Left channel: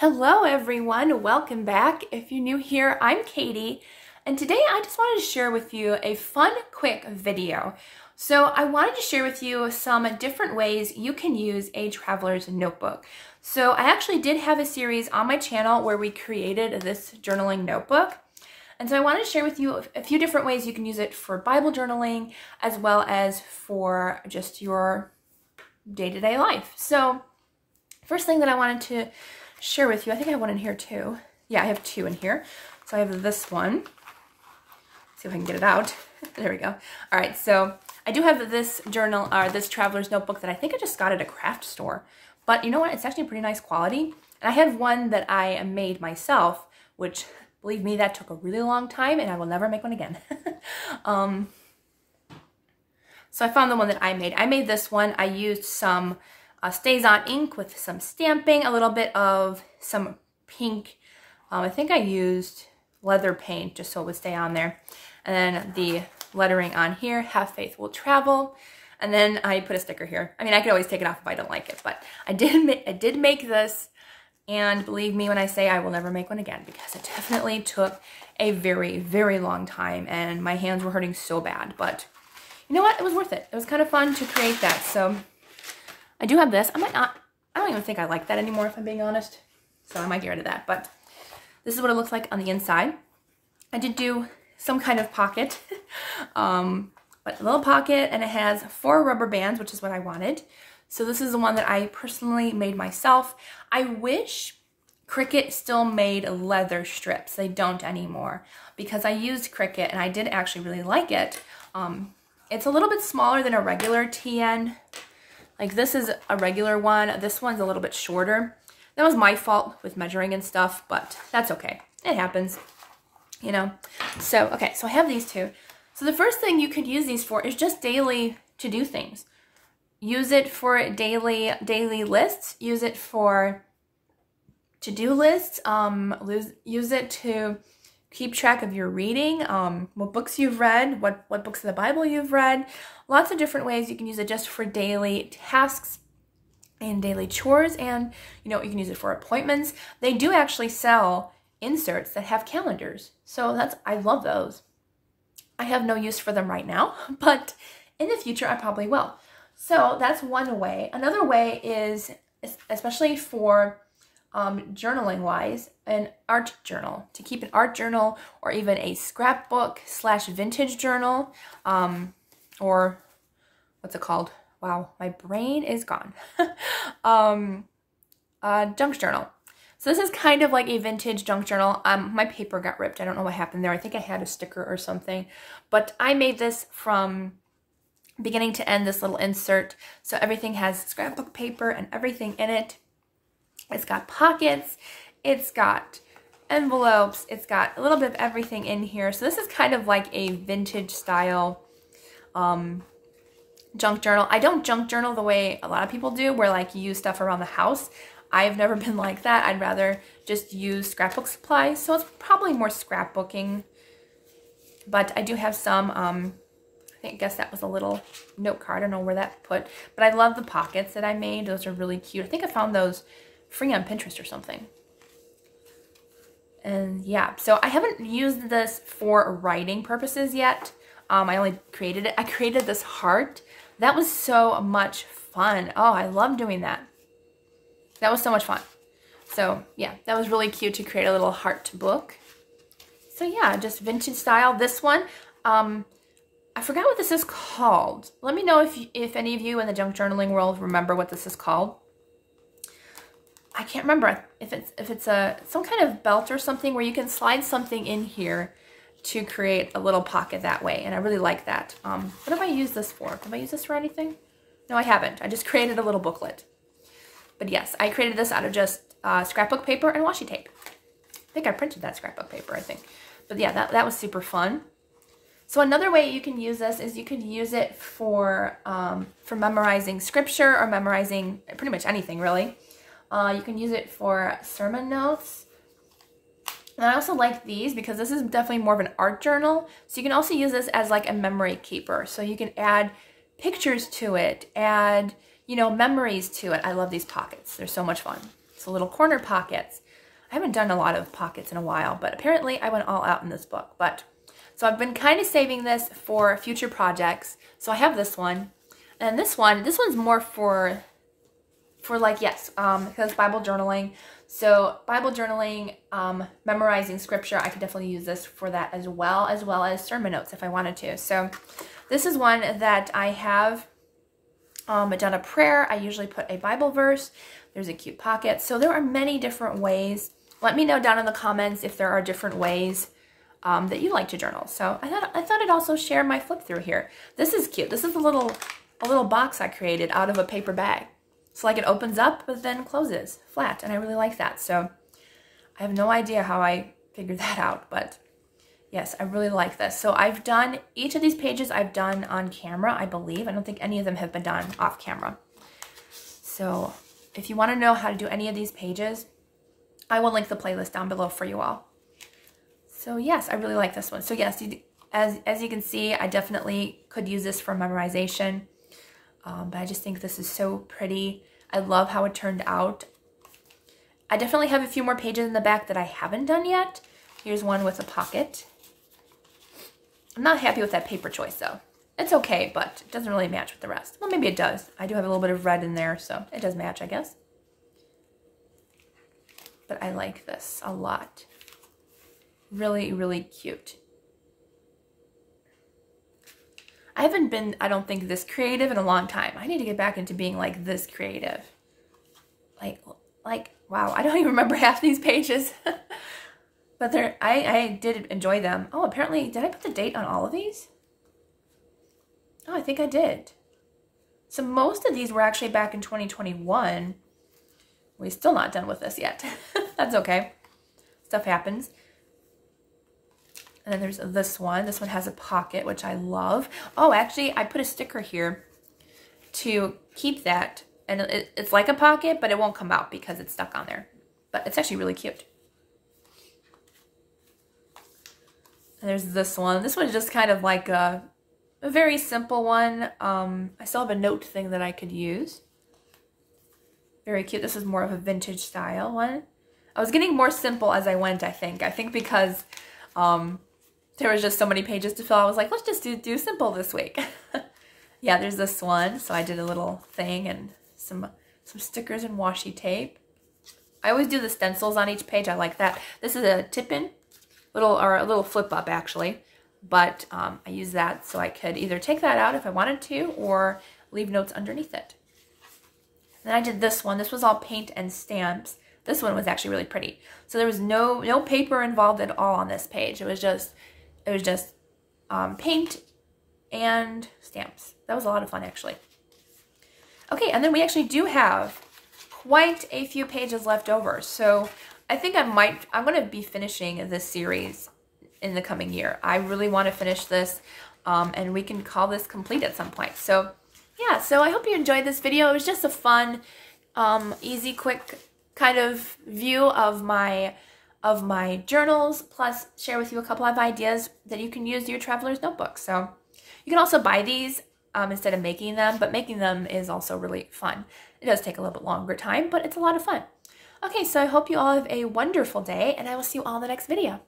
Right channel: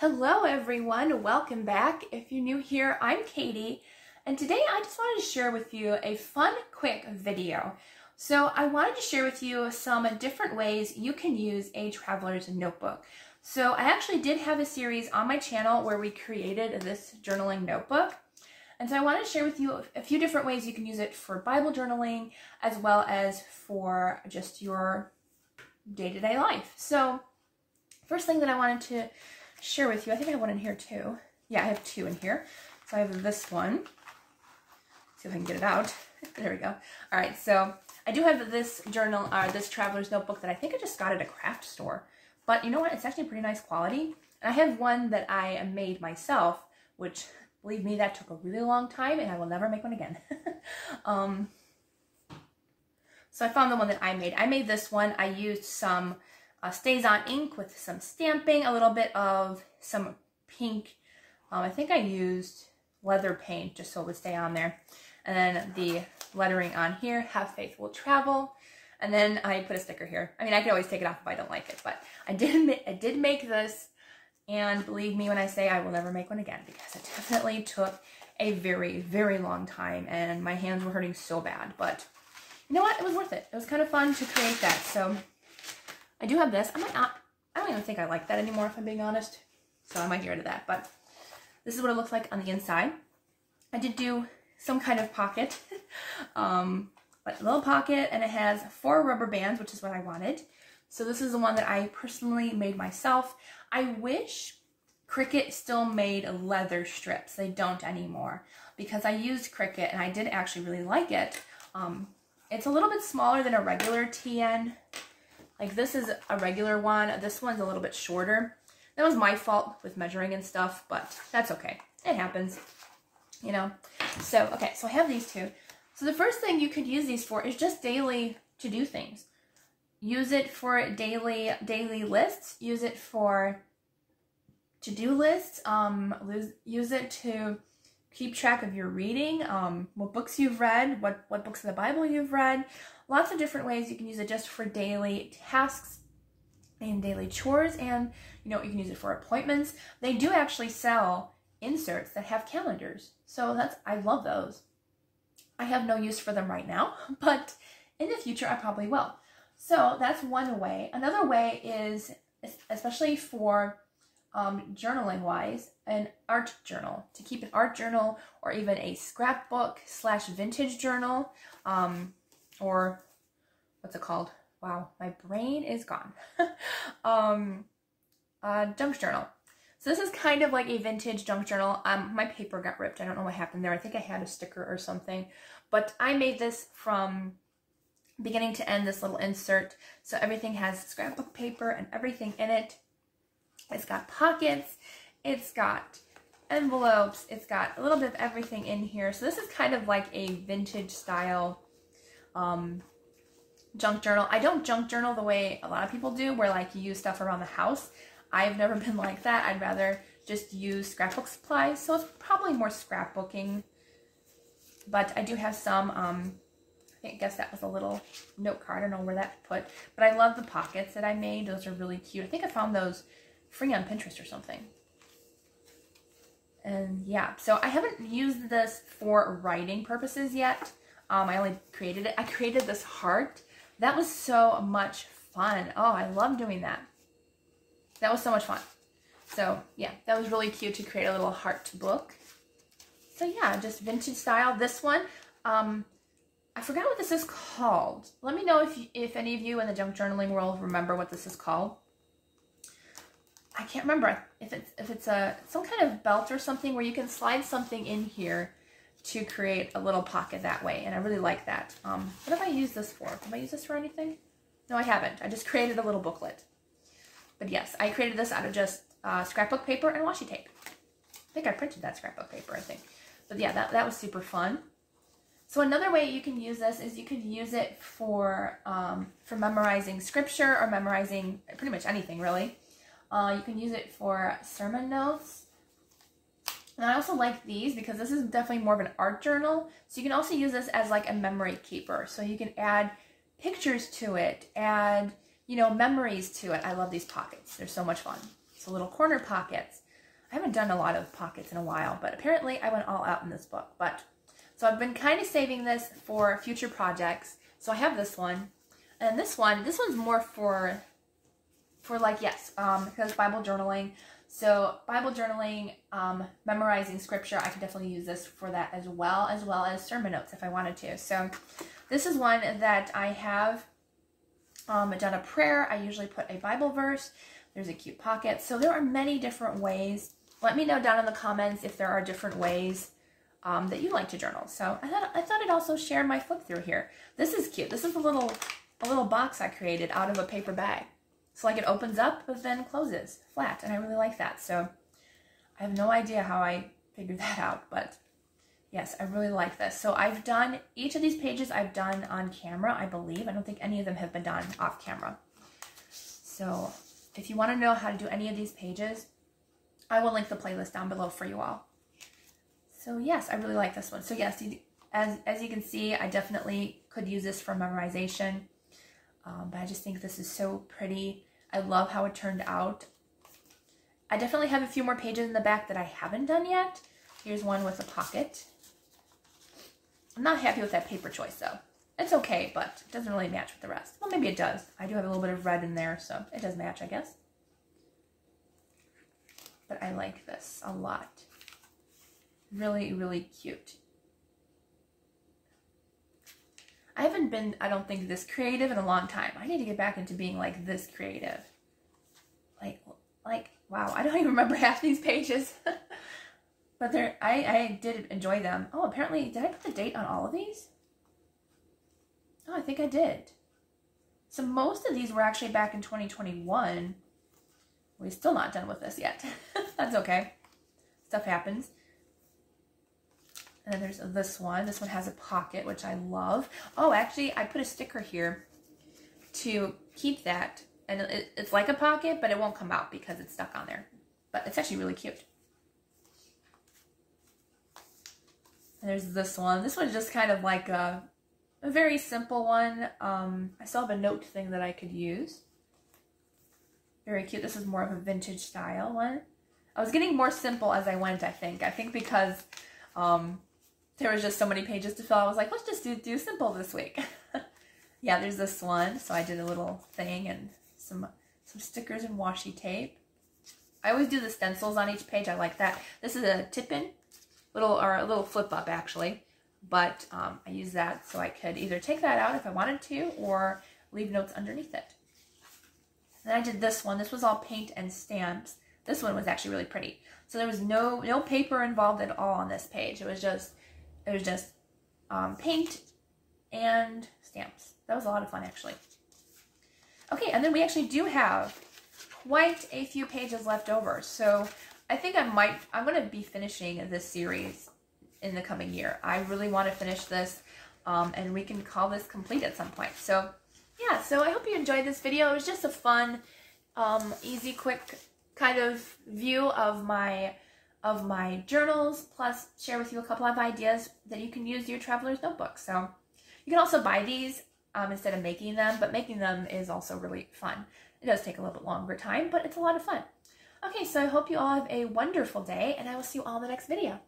Hello everyone, welcome back. If you're new here, I'm Katie, and today I just wanted to share with you a fun, quick video. So I wanted to share with you some different ways you can use a traveler's notebook. So I actually did have a series on my channel where we created this journaling notebook. And so I wanted to share with you a few different ways you can use it for Bible journaling as well as for just your day-to-day life. So first thing that I wanted to share with you, I think I have one in here too. Yeah, I have two in here. So I have this one. Let's see if I can get it out. There we go. All right, so I do have this journal, this traveler's notebook that I think I just got at a craft store. But you know what? It's actually pretty nice quality. And I have one that I made myself, which, believe me, that took a really long time, and I will never make one again. So I found the one that I made. I made this one. I used some Stays On ink with some stamping, a little bit of some pink. I think I used leather paint just so it would stay on there. And then the lettering on here, Have Faith Will Travel. And then I put a sticker here. I mean, I could always take it off if I don't like it, but I did make this. And believe me when I say I will never make one again, because it definitely took a very, very long time and my hands were hurting so bad. But you know what? It was worth it. It was kind of fun to create that. So I do have this. I don't even think I like that anymore, if I'm being honest. So I might get rid of that. But this is what it looks like on the inside. I did do some kind of pocket, but a little pocket, and it has 4 rubber bands, which is what I wanted. So this is the one that I personally made myself. I wish Cricut still made leather strips. They don't anymore, because I used Cricut and I did actually really like it. It's a little bit smaller than a regular TN. Like, this is a regular one. This one's a little bit shorter. That was my fault with measuring and stuff, but that's okay. It happens, you know. So, okay, so I have these two. So the first thing you could use these for is just daily to-do things. Use it for daily lists. Use it for to-do lists. Use it to keep track of your reading, what books you've read, what books of the Bible you've read. Lots of different ways you can use it just for daily tasks and daily chores, and you know, you can use it for appointments. They do actually sell inserts that have calendars, so I love those. I have no use for them right now, but in the future I probably will. So that's one way. Another way is, especially for journaling wise, an art journal. To keep an art journal, or even a scrapbook / vintage journal, or what's it called? Wow, my brain is gone. Junk journal. So this is kind of like a vintage junk journal. My paper got ripped. I don't know what happened there. I think I had a sticker or something, but I made this from beginning to end, this little insert. So everything has scrapbook paper and everything in it. It's got pockets, it's got envelopes, it's got a little bit of everything in here. So this is kind of like a vintage style junk journal. I don't junk journal the way a lot of people do, where like you use stuff around the house. I've never been like that. I'd rather just use scrapbook supplies. So it's probably more scrapbooking. But I do have some, I guess that was a little note card. I don't know where that put. But I love the pockets that I made. Those are really cute. I think I found those free on Pinterest or something. And yeah, so I haven't used this for writing purposes yet. I only created it. I created this heart. That was so much fun. Oh, I love doing that. That was so much fun. So yeah, that was really cute to create a little heart book. So yeah, just vintage style. This one, I forgot what this is called. Let me know if any of you in the junk journaling world remember what this is called. I can't remember if it's some kind of belt or something where you can slide something in here to create a little pocket that way, and I really like that. What have I used this for? Have I used this for anything? No, I haven't. I just created a little booklet. But yes, I created this out of just scrapbook paper and washi tape. I think I printed that scrapbook paper, I think. But yeah, that was super fun. So another way you can use this is you could use it for memorizing scripture, or memorizing pretty much anything, really. You can use it for sermon notes. And I also like these because this is definitely more of an art journal. So you can also use this as like a memory keeper. So you can add pictures to it, add, you know, memories to it. I love these pockets. They're so much fun. So little corner pockets. I haven't done a lot of pockets in a while, but apparently I went all out in this book. So I've been kind of saving this for future projects. So I have this one, and this one's more for like, yes, because Bible journaling. So Bible journaling, memorizing scripture, I could definitely use this for that as well as sermon notes if I wanted to. So this is one that I have done a prayer. I usually put a Bible verse. There's a cute pocket. So there are many different ways. Let me know down in the comments if there are different ways that you like to journal. So I thought I'd also share my flip through here. This is cute. This is a little box I created out of a paper bag. So like it opens up but then closes flat, and I really like that. So I have no idea how I figured that out, but yes, I really like this. So I've done each of these pages I've done on camera, I believe. I don't think any of them have been done off camera. So if you want to know how to do any of these pages, I will link the playlist down below for you all. So yes, I really like this one. So yes, as you can see, I definitely could use this for memorization. But I just think this is so pretty. I love how it turned out. I definitely have a few more pages in the back that I haven't done yet. Here's one with a pocket. I'm not happy with that paper choice though. It's okay, but it doesn't really match with the rest. Well, maybe it does. I do have a little bit of red in there, so it does match, I guess. But I like this a lot. Really, really cute. I haven't been, I don't think, this creative in a long time. I need to get back into being like this creative. Like, wow, I don't even remember half these pages. But I did enjoy them. Oh, apparently, did I put the date on all of these? Oh, I think I did. So most of these were actually back in 2021. We're still not done with this yet. That's okay. Stuff happens. And then there's this one. This one has a pocket, which I love. Oh, actually, I put a sticker here to keep that. And it's like a pocket, but it won't come out because it's stuck on there. But it's actually really cute. And there's this one. This one's just kind of like a very simple one. I still have a note thing that I could use. Very cute. This is more of a vintage style one. I was getting more simple as I went, I think. I think because there was just so many pages to fill. I was like, let's just do simple this week. Yeah, there's this one. So I did a little thing and some stickers and washi tape. I always do the stencils on each page. I like that. This is a tip-in, a little flip-up actually. But I use that so I could either take that out if I wanted to or leave notes underneath it. Then I did this one. This was all paint and stamps. This one was actually really pretty. So there was no paper involved at all on this page. It was just paint and stamps. That was a lot of fun actually. Okay, and then we actually do have quite a few pages left over. So I think I'm going to be finishing this series in the coming year. I really want to finish this and we can call this complete at some point. So yeah, so I hope you enjoyed this video. It was just a fun, easy, quick kind of view of my journals, plus share with you a couple of ideas that you can use in your traveler's notebook. So you can also buy these instead of making them, but making them is also really fun. It does take a little bit longer time, but it's a lot of fun. Okay, so I hope you all have a wonderful day, and I will see you all in the next video.